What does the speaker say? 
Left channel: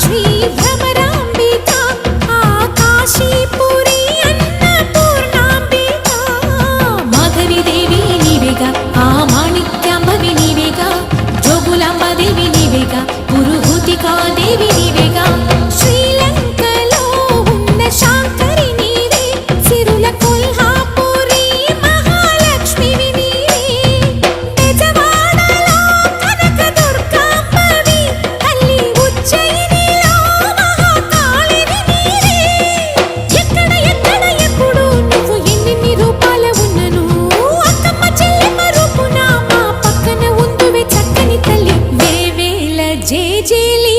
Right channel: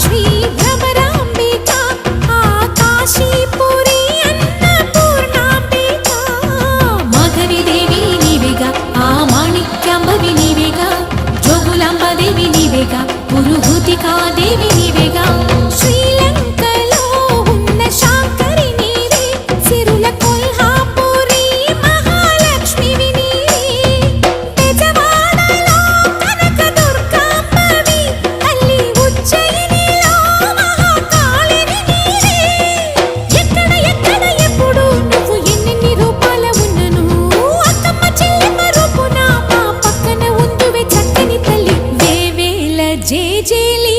శ్రీ భ్రమరాంబిక ఆకాశీపురి అన్నపూర్ణాంబిక మాధవిదేవి నీవేగా ఆ మాణిక్యాంబవి నీవేగా జోగులాంబాదేవి నీవేగా పురుహూతికాదేవి నీవేగా శ్రీలంకలో ఉన్న శాంకరి నీవే సిరుల కొల్హాపురి మహాలక్ష్మివి నీవే బెజవాడలో కనకదుర్గాంబవి తల్లి ఉజ్జయినిలో మహాకాళివి నీవే ఎక్కడ ఎక్కడ ఎప్పుడు నువ్వు ఎన్నెన్ని రూపాల ఉన్నను అక్కమ్మ చెల్లెమ్మ రూపున మా పక్కన ఉందువే చక్కని తల్లి వేవేల జేజేలి